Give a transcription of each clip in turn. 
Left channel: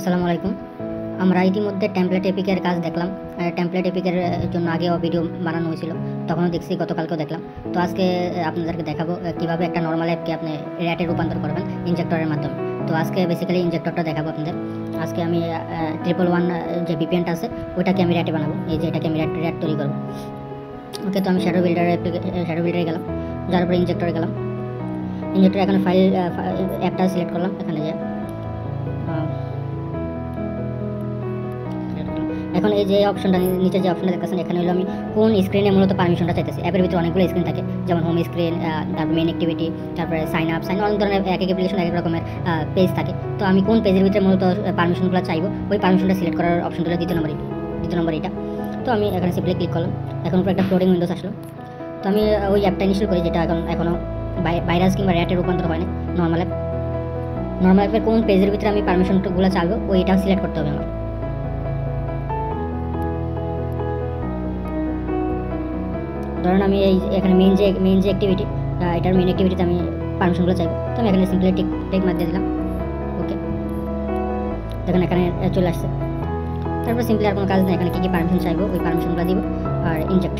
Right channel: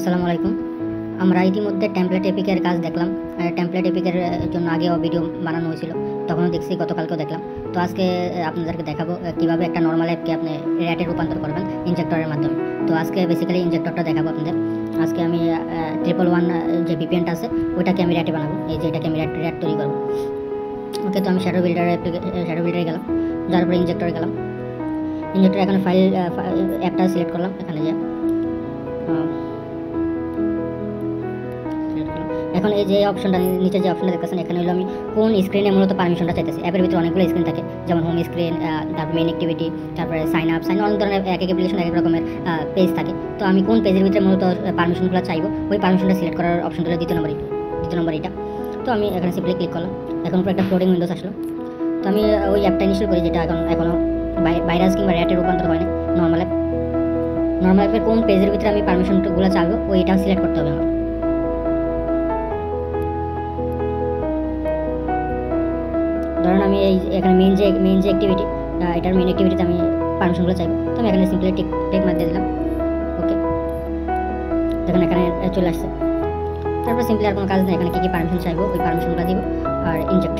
আসসালামু আলাইকুম। আমরা ইতিমধ্যে টেমপ্লেট এপিকের কাজ দেখলাম। টেমপ্লেট এপিকের জন্য আগেও ভিডিও বানানো হয়েছিল, তখনও দেখছি, গতকালকেও দেখলাম। তো আজকে আপনাদেরকে দেখাবো কীভাবে একটা নর্মাল অ্যাপকে আপনি র্যাটে রূপান্তর করবেন ইনজেক্টরের মাধ্যমে। তো আজকে বেসিক্যালি ইনজেক্টরটা দেখাবো আপনাদের। আজকে আমি 111 যে ভিপিএনটা আছে ওইটাকে আমি র্যাটে বানাবো। এই যে এটাকে আমি র্যাট তৈরি করবো। ওকে, তো আমি শ্যাডো বিল্ডারে গেলাম, যার পরে ইনজেক্টরে গেলাম। ইনজেক্টর এখানে ফাইল অ্যাপটা সিলেক্ট করলাম। এখানে যে এখন এই যে অপশনটা নিচে যে অপশনটা দেখতেছেন, এখানে হলো আমি কোন স্ক্রিনে মূলত পারমিশনটা চাইতেছি। অ্যাপের ভিতরে অনেকগুলো স্ক্রিন থাকে, যেমন হোম স্ক্রিন, তারপর মেইন অ্যাক্টিভিটি, তারপরে সাইন আপ অনেক ধরনের এক অ্যাপ্লিকেশন এক এক রকমের পেজ থাকে। তো আমি কোন পেজের ভিতরে মূলত পারমিশনগুলো চাইবো, ওই পারমিশনটা সিলেক্ট করার অপশন হলো দ্বিতীয় নম্বর এটা। তো আমি এখানে সিম্পলি ক্লিক করলাম। এখন উপরে একটা ফ্লোটিং উইন্ডোজ আসলো। তো আমি ওই অ্যাপটা ইনস্টল করি যেটা এখনও ভাইরাস কিংবা র্যাটে রূপান্তর হয়নি। নর্মাল অ্যাপের কোন পেজের ভিতরে আমি পারমিশনগুলো চাইবো ওইটা সিলেক্ট করতে হবে আমার। ধরুন আমি এখানে মেইন যে অ্যাক্টিভিটি, এটার মেইন অ্যাক্টিভিটিতে আমি পারমিশনগুলো চাইবো। তো আমি এখানে সিম্পলি টিক মার্ক দিয়ে দিলাম। ওকে, দেখেন এখানে চলে আসছে। তারপর সিম্পলি আর কোনো কাজ নেই, এখানে কী পারমিশন চাইবো ওই পারমিশনগুলো দিব আর ইনজেক্ট।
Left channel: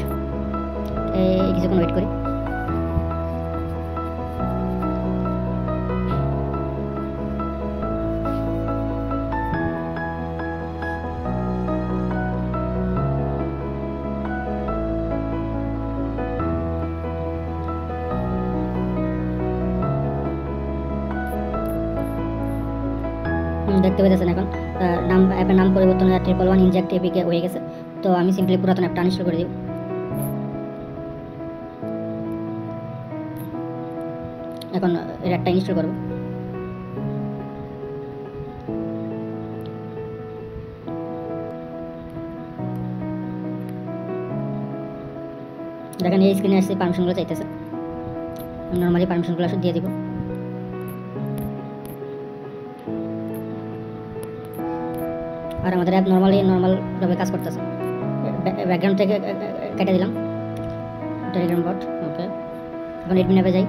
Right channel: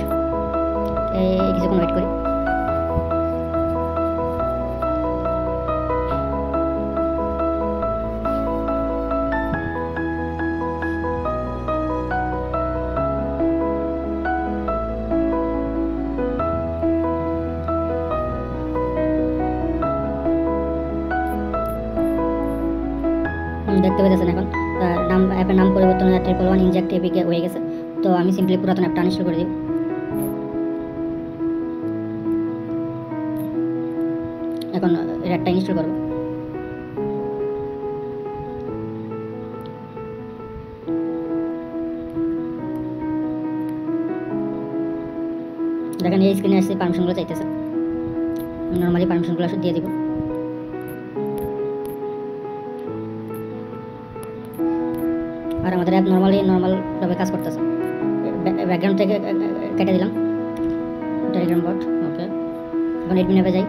কিছুক্ষণ ওয়েট করি। দেখতে পেয়েছেন এখন অ্যাপের নাম পরিবর্তন 111 ইনজেক্ট এপিকে হয়ে গেছে। তো আমি সিম্পলি পুরাতন অ্যাপটা আনইনস্টল করে দিই। এখন অ্যাপটা ইনস্টল করব। দেখেন এই স্ক্রিনে আসছে, পারমিশনগুলো চাইতেছে। নর্মালি পারমিশনগুলো দিয়ে দিব। আর আমাদের অ্যাপ নর্মালভাবে কাজ করতেছে। ব্যাকগ্রাউন্ড থেকে কেটে দিলাম টেলিগ্রাম বট। ওকে, এখন এডমিন অ্যাপে যাই।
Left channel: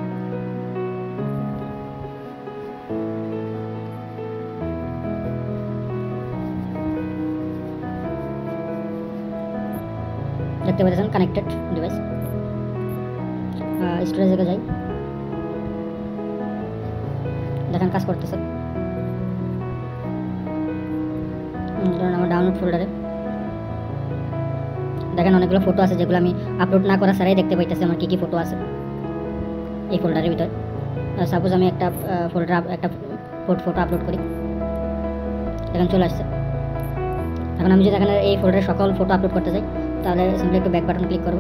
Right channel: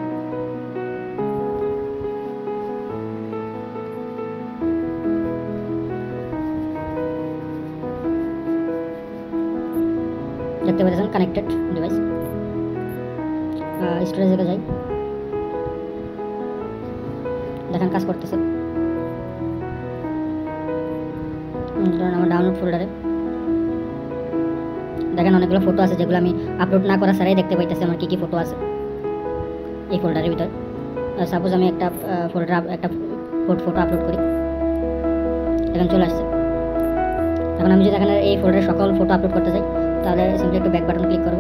দেখতে পাচ্ছেন কানেক্টেড ডিভাইস। স্টোরেজে যাই, দেখেন কাজ করতেছে। ধরুন আমার ডাউনলোড ফোল্ডারে দেখেন অনেকগুলো ফটো আছে, যেগুলো আমি আপলোড না করা ছাড়াই দেখতে পাইতেছি আমার কী ফটো আছে এই ফোল্ডারের ভিতর। সাপোজ আমি একটা ফটো আপলোড করি, এখন চলে আসছে। এখন আমি যদি এখানে এই ফোল্ডারে সকল ফটো আপলোড করতে চাই, তাহলে সিম্পলি একটু ব্যাক বাটন ক্লিক করব।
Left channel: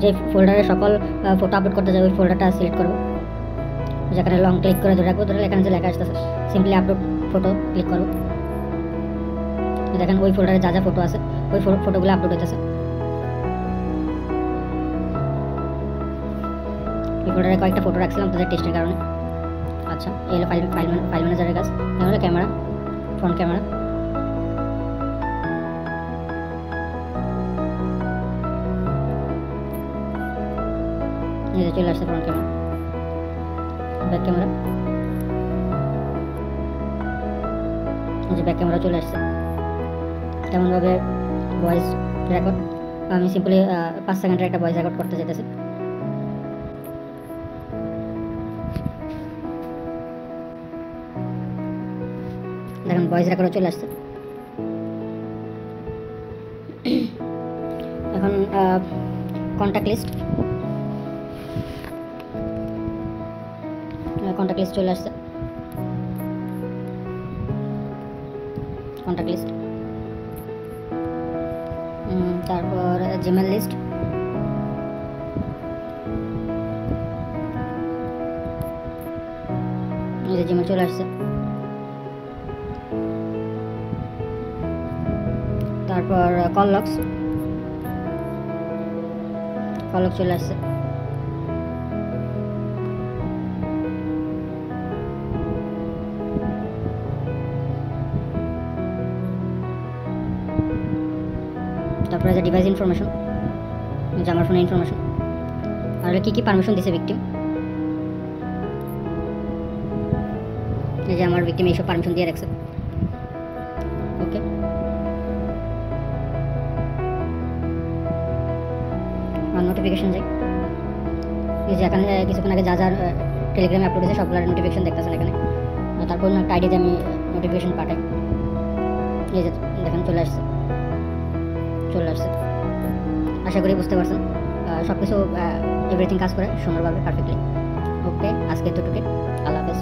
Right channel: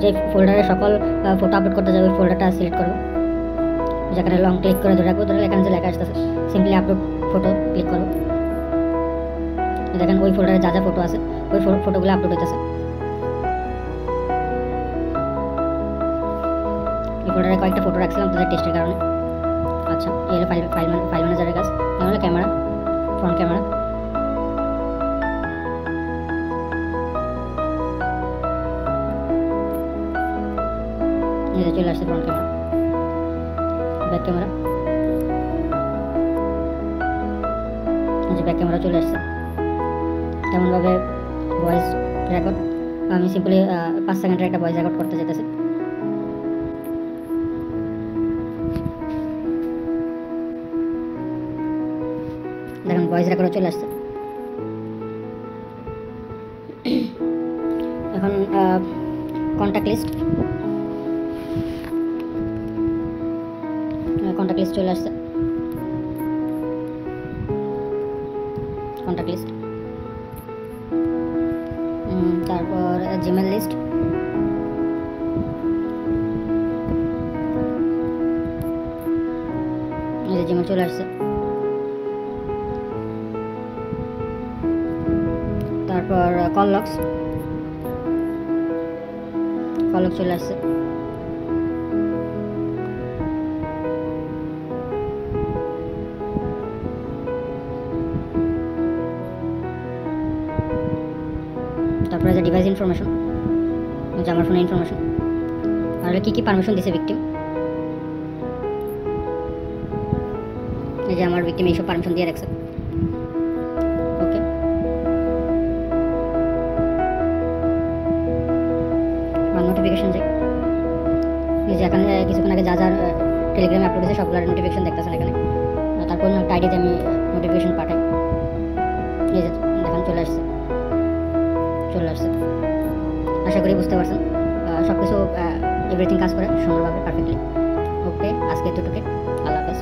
যে ফোল্ডারে সকল ফটো আপলোড করতে চাই ওই ফোল্ডারটা সিলেক্ট করব। যেখানে লং ক্লিক করে ধরে রাখবো, ধরে এখানে যে লেখা আসতেছে সিম্পলি আপলোড ফটো ক্লিক করব। দেখেন ওই ফোল্ডারে যা ফটো আছে ওই ফটোগুলো আপলোড হইতেছে। এই ফোল্ডারে কয়েকটা ফটো রাখছিলাম তাদের টেস্টের কারণে। আচ্ছা, এই হলো ফাইল ম্যানেজারের কাজ। তাহলে ক্যামেরা, ফ্রন্ট ক্যামেরা, এই চলে আসছে ফ্রন্ট ক্যামেরা, ব্যাক ক্যামেরা, যে ব্যাক ক্যামেরা চলে আসছে। তেমনভাবে ভয়েস রেকর্ড, আমি সিম্পলি 5 সেকেন্ডের একটা ভয়েস রেকর্ড করতে যেতেছি। দেখুন ভয়েস রেকর্ডও চলে আসছে। এখন কন্ট্যাক্ট লিস্ট চলে আসছে। কন্ট্যাক্ট লিস্ট, তারপর জিমেল লিস্ট, জিমেল চলে আসছে। তারপর কল লক্স চলে আসছে। তারপরে যে ডিভাইস ইনফরমেশন, যে আমার ফোনের ইনফরমেশন, আর কী কী পারমিশন দিছে ভিকটিম। এই যে আমার ভিকটিম এইসব পারমিশন দিয়ে রাখছে। ওকে, আর নোটিফিকেশন যাই, এই যে এখানে কিছুক্ষণ আগে যা যা টেলিগ্রামে আপলোড হয়েছে সবগুলোর নোটিফিকেশন দেখতেছেন এখানে। তারপর একটা আইডিতে আমি নোটিফিকেশন পাঠাই, এই যে দেখেন চলে আসছে। আশা করি বুঝতে পারছেন সব কিছু এভরিথিং কাজ করে সুন্দরভাবে পারফেক্টলি। ওকে, আজকে এতটুকু, আল্লাহ হাফেজ।